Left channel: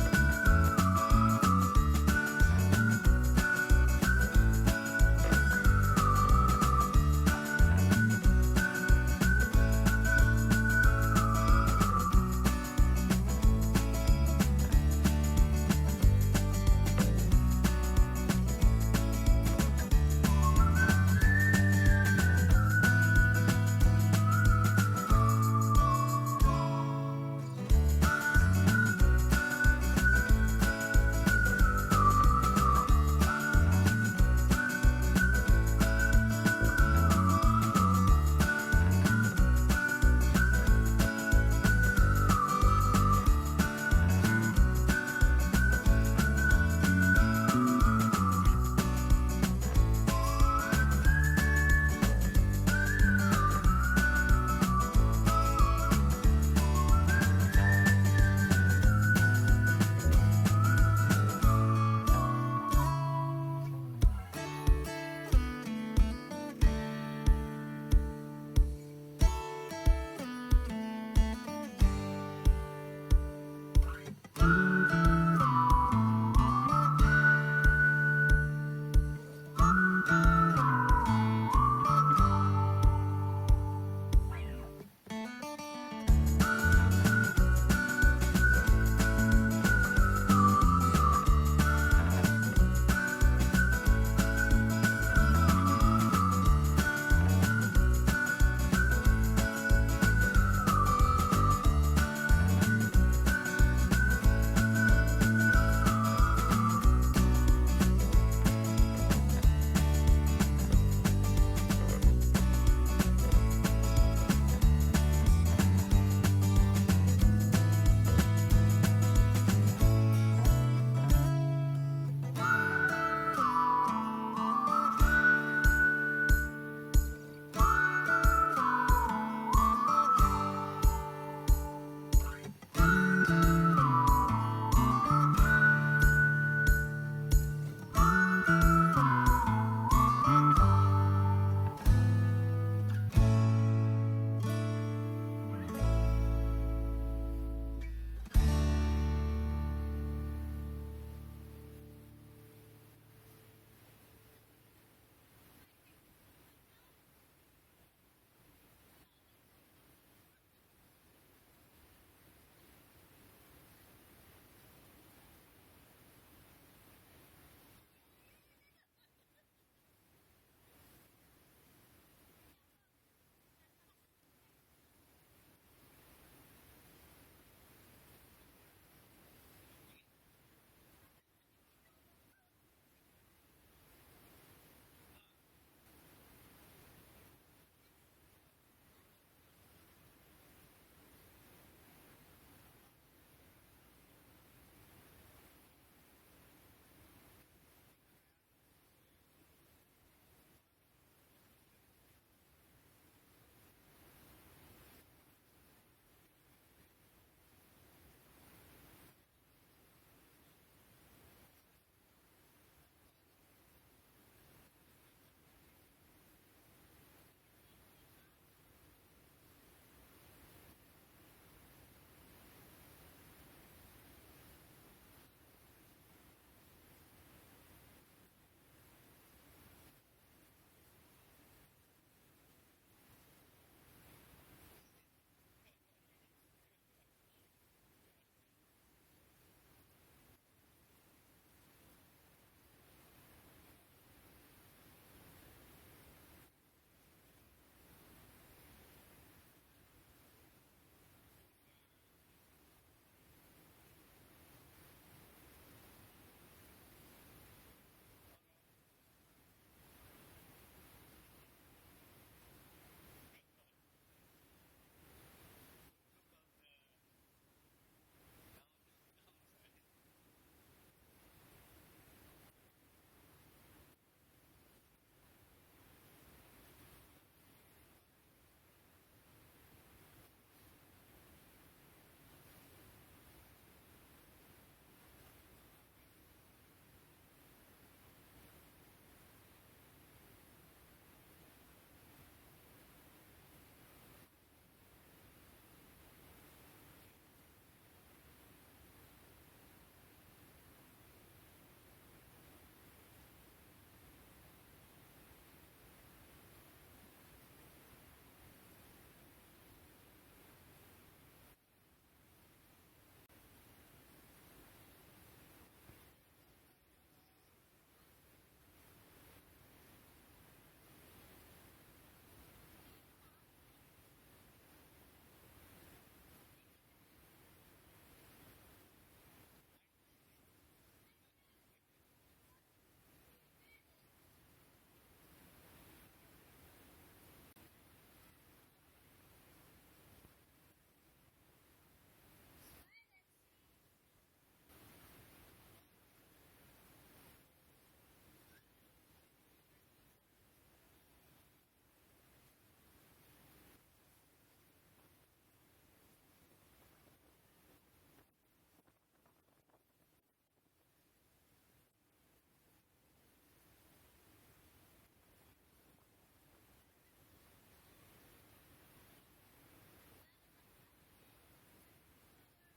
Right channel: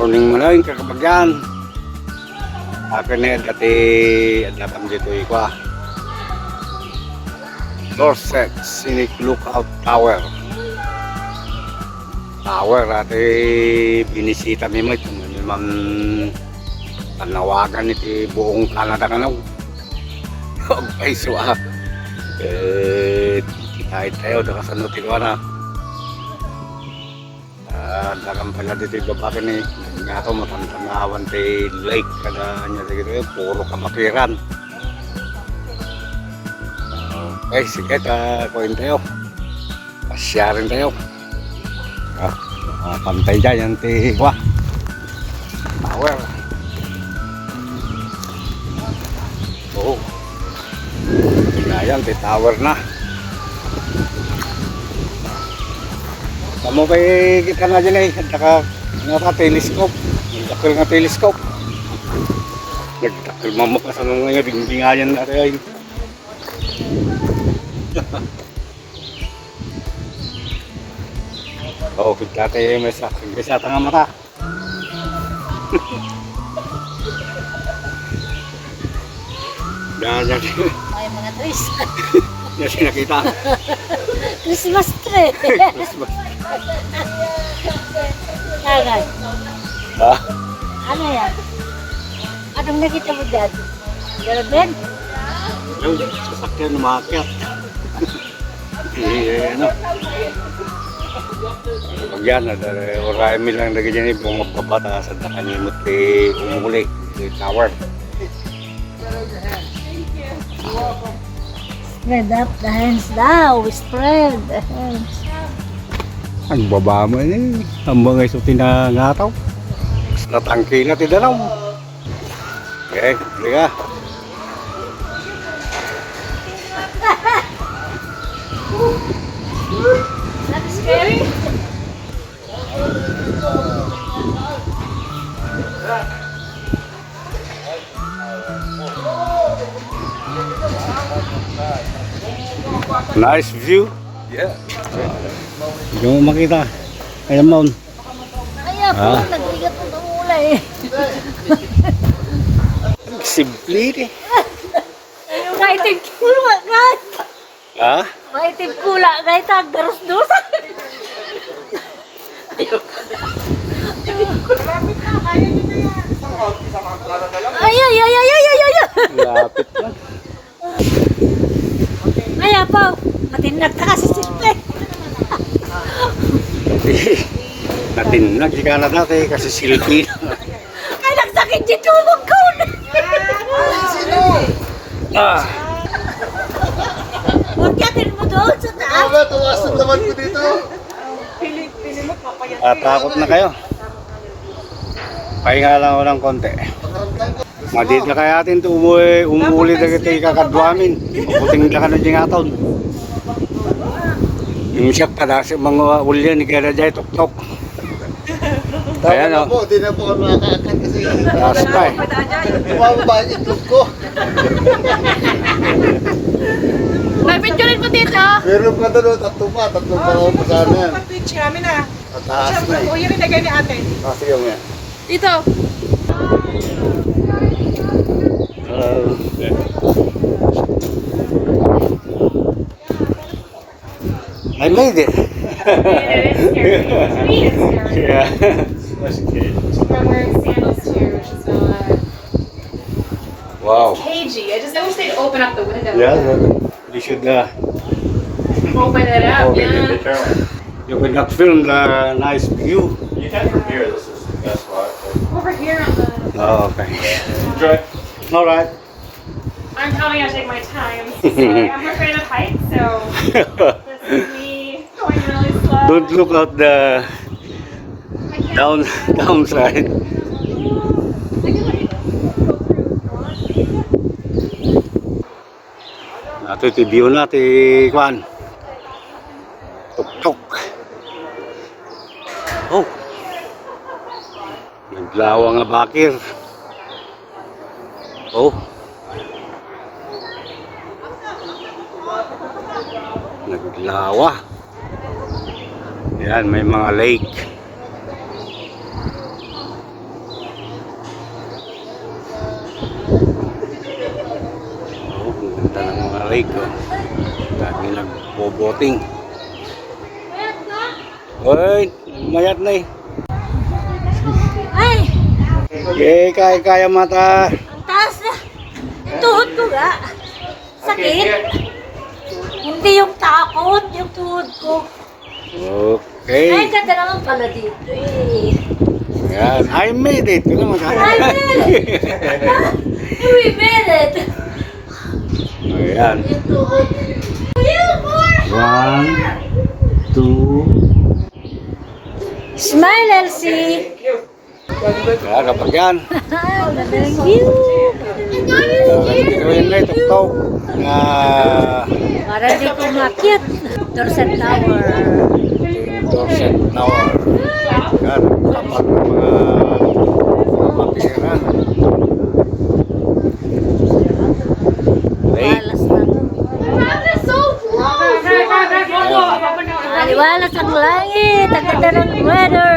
Morning mo lang kakapagyan. Akin na dati at natang dito ikwa. Dorset Scenic Lookout Tower. Tower ati binisita mi mo itong tanawagan iti buong Canada ka na. Okay, so kahit tayo nakasanutin ko na. Dagang pala dito yung babakin eh. Nga ako matantanawan sa lake kada nyo dito eh. Puro kamakiran. Okay, sige, kuhin tayo. Pasya rin tayo. Pantay dyan yung tiwa. Tower. Oo. Yan, tower na. Kamu kay kita na dyan eh, at saka nga telescope, nagtakil nga telescope. Nagtakil mamakas ano nga dingdingayan natin ay. Oo, kita tayo may sa tanga mata. Yan. Ay, mga tris. Yan sinakita. Christmas tree. Christmas. Agad. Ha? Ano yan? Anong nakita mo dyan? Garabin? Yung sasakyan umakyat. Ano? Pag yan, orami lang na ganyan yung bumapabata sa takanimot umuli, tower. Spread up the hands now. Spread the hands. Ang baba mo eh. Ang mga iso tinangataw. Natangki na tidanaw. Okay, liga. That is scary. Nice view. Yeah. Yung makita. Ayan mo. Kaya po, nagbigat mo ng ulay. Simple eh. Kaitin kula, guys. Ha? Kaitin kula, guys. Darus-dus. Ay. Lapit na. Ay, po. Matinag ka kasi silpe. Natinag si Canada kasi silpi. Ay, nagsakit si tulog ko. Ah. Magyatin mo doon sa taas. Tawasan naman ko dito. Takot na kayo. Pahinga lang ako ng konti. Madit na kaya atin ito umuuli na kita ikakadwamin. Mabuting na ka na dyan aton. Yung siya pa sa mga ulyan ni kaya dyan tok-tok. Ayan o. Di na po ako nakakakat kasi Taas pa eh. tumababa yung itlog ko. May picture mo dito. Meron pa doon, tatlong pa ako pa sana. Pag-twitch namin ah. Mataas na eh. O, yun rin nagay ni ate. Sige mo yan. Dito. I made it. Yeah. I'm wearing sandals too, which is Wow. cagey. I wish they'd open up the window. Yeah, you should Open it up, open yeah. it. You could not film the nice view. You can from here. This is the best spot. Over here on the... Oh, okay. Enjoy. All right. I'm telling you to take my time. I'm afraid of heights, so this is me going really slow. Don't look out the downside. Ito iti view na ti Kwan. Tuk-tuk. Oh. Naglawa nga bakir. Oh. Naglawa. Yan, may mga lake. lake. Oh. Dami nagbo-boating. Hoy, mayat na eh. Ay, Okay, kaya mata. ang taas na. Yung tuhod ko ga. Sakit. Hindi yung takot, yung tuhod ko. Ay, Okay. ganda naman pala dito eh. Yan. I made it. Ito naman. I made it! We made it! Ayan. Yung tuhod. One, two. Smile, Elsie! Kaya kapag yan. Ganda ng view! Dito yun na ito. Na Para di ko makyat. Dorset Tower. Dorset Tower. Yan. Kapag mga matira. Lake. Walas na. Aliwalas ang langit. Ang ganda ng weather.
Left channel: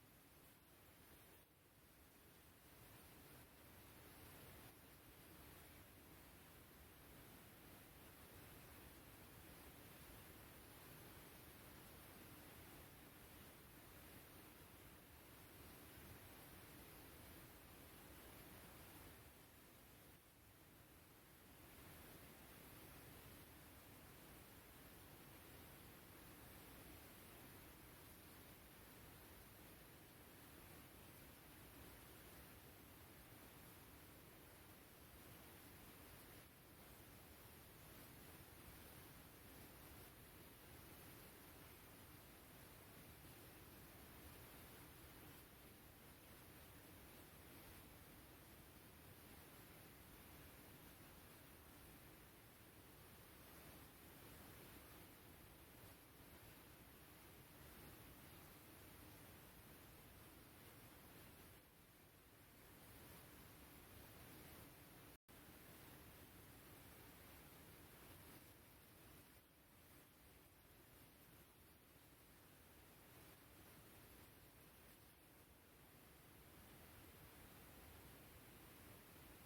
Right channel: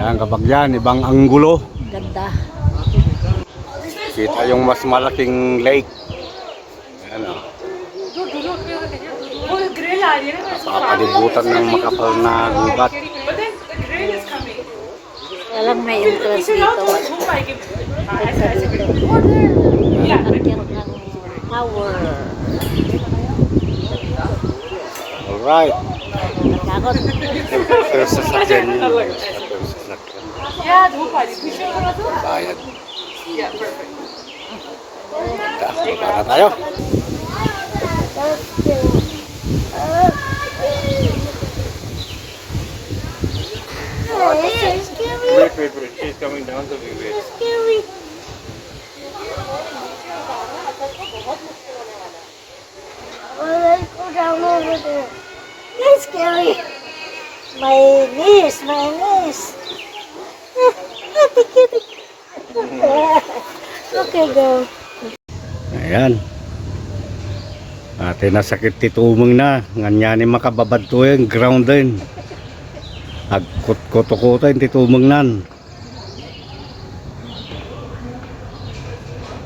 Yan kapag yan. Ibang anggulo. Ang ganda. Kita yung mas malaking lake. Yan o. Napapalibutan ng makapal na gubat. Walang may entrance dito. Akyat ng tower. Alright. Nagkakot. Pero sasakyan yun. Pero sasakyan. Bayad. Punta na tayo. Wait. She's coming down to me. Wait. Scary. Let's go down over there. That's scary. My niece. Okay, go. Ayan. Ate nasakit titumong na. Nganyani makababad to yung ground din. Agkot-koto-koto yung titumong nan.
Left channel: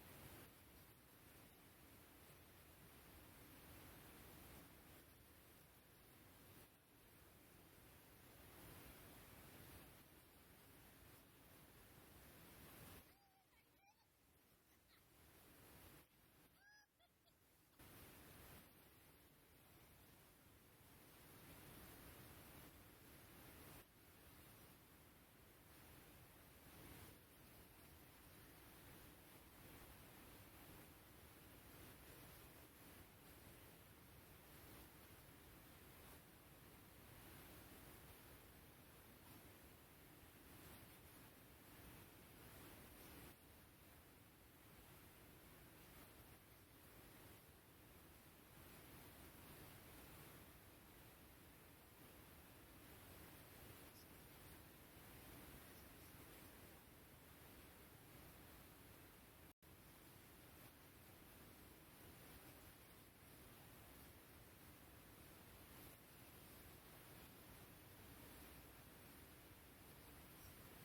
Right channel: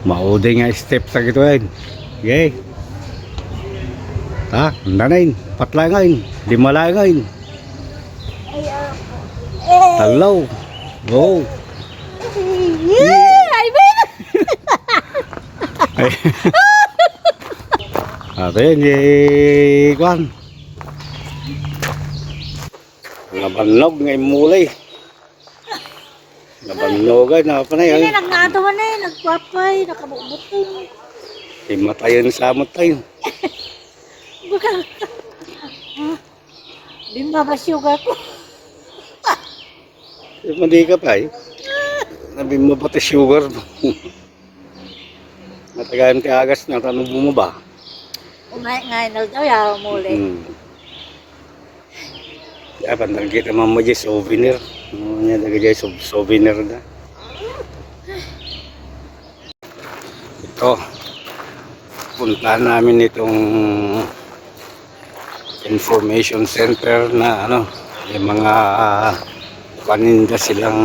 Maudi nga step sa gito yun. Okay. Ha? Handa na yun. Patla nga yun. Dimala nga yun. Talaw. Go. Yeah, I made it. Ay. Ate yun. Kwan. Nabanog ngay mulay. Nabanog ay napanay. Hindi, nagnatawa na yun. Nagpapay, nakabukbutong. Himatayon sa amot tayo. Baka. Di mabasyuga ko. Mandi ka pa eh. Nabi mo pati sugar. Matagayan ka agas na tanong mo ba? Ngayon na daw yaw muli. Ya, pandang kita mama dyan souvenir. Nya daga dyan souvenir na. Ito. Puntahan namin itong information center na ano, yung mga paninda silang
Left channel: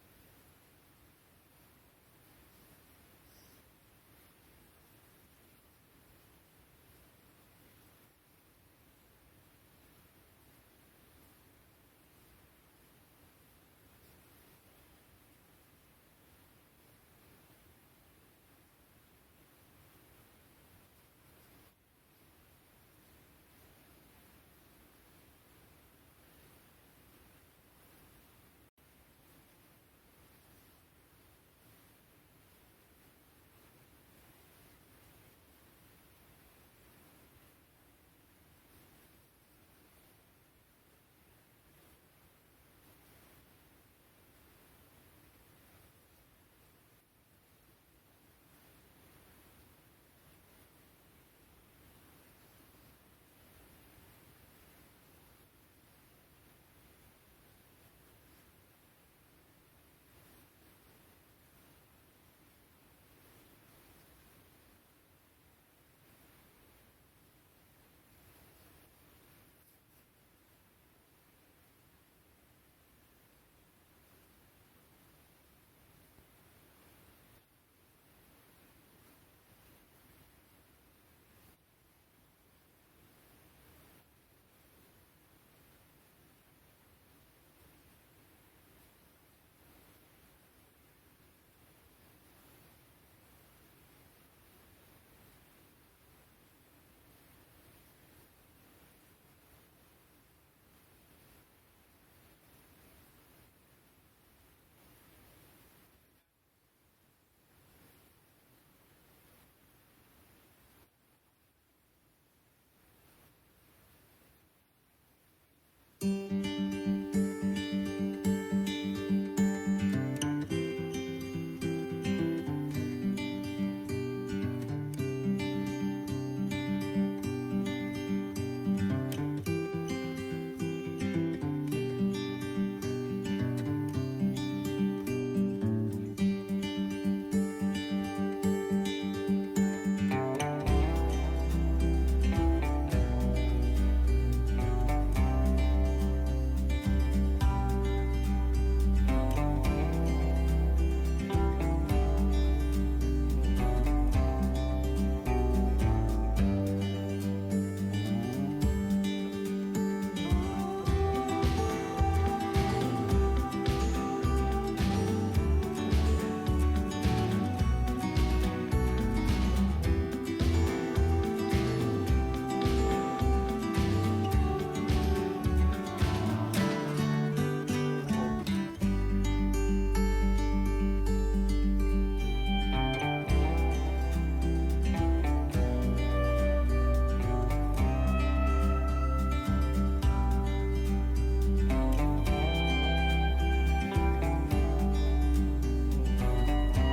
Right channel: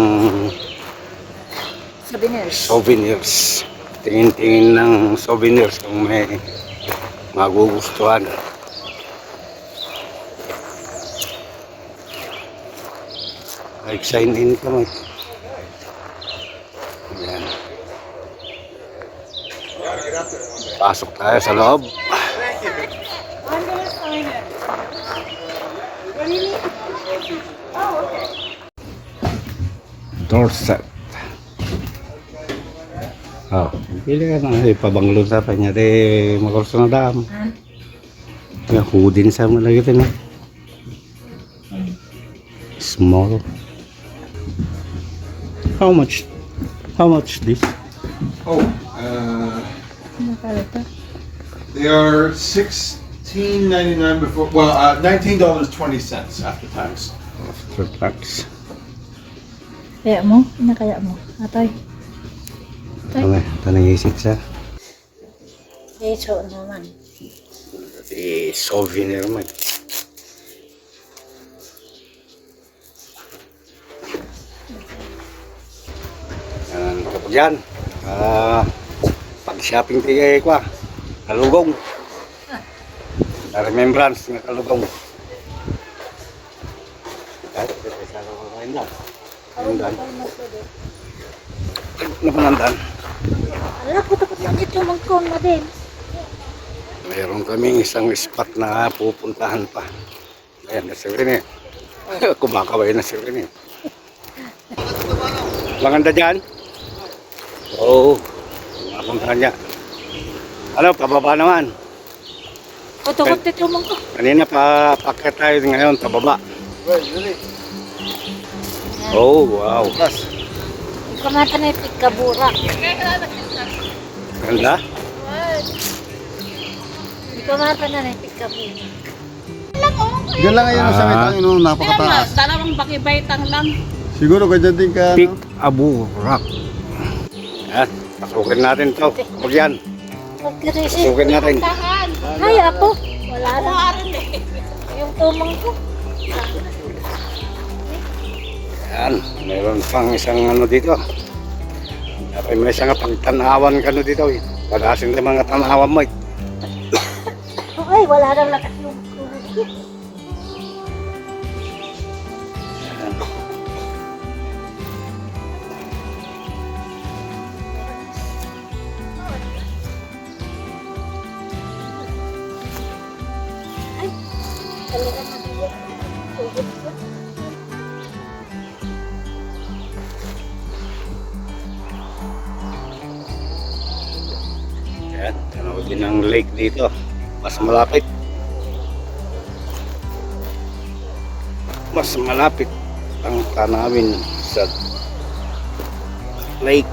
souvenirs. Tingin-tingin ng souvenirs kung may magugustuhan. Like sign in ka mo. Ayan. Pasok tayo sa loob. Dorset. Oh, pili ka na. Ipabanglo sa kanya. Makurso na dam. Hudin sa mga lagi na. Small. How much? How much this? Oh, they are $16.99 before. Well, $19.20 after tax. For tax. Kaya mo? Kaya mo? Atay. Ito nang-isip siya. So naman. Souvenir man. Yan, kapag yan. shopping tiga ko kalugong. Na remembrance ng kalugong. Ay, sa kain lang. Nandan. Napanandan. Ala ko takot na dito mangkon na din. Mayroon kaming isang spot na pupuntahan pa. Ayan, na si Rene. Kumakaway na si Rene. Maganda dyan? Oo. Mapuntahan niya. Ano, pababa naman. O takot dito mangkon. Kanina pa paket tayo ngayon, pababa. Oh, wow. Kamata na yung pigkabura. Ganda. Kamata na yung pigkabura. Yan lang ngayon sa may tangin, napakataas. Dalawang bakibaitang lang. Siguro ganyan din ka. Pick Abu Rak. Yan, pasukin natin to. Huwag yan. Pasukin natin. Ay, ako. Wala na. Yung tumang ko. Yan, mayroon pang isang ano dito. Dapat may isang pagtanawan ka no dito. Pag-asin ng mga tanawan mo. Ay, wala na lakas yung tubig. Yan, tanawin din ang lake dito. Mas malapit. Mas malapit ang tanawin sa lake.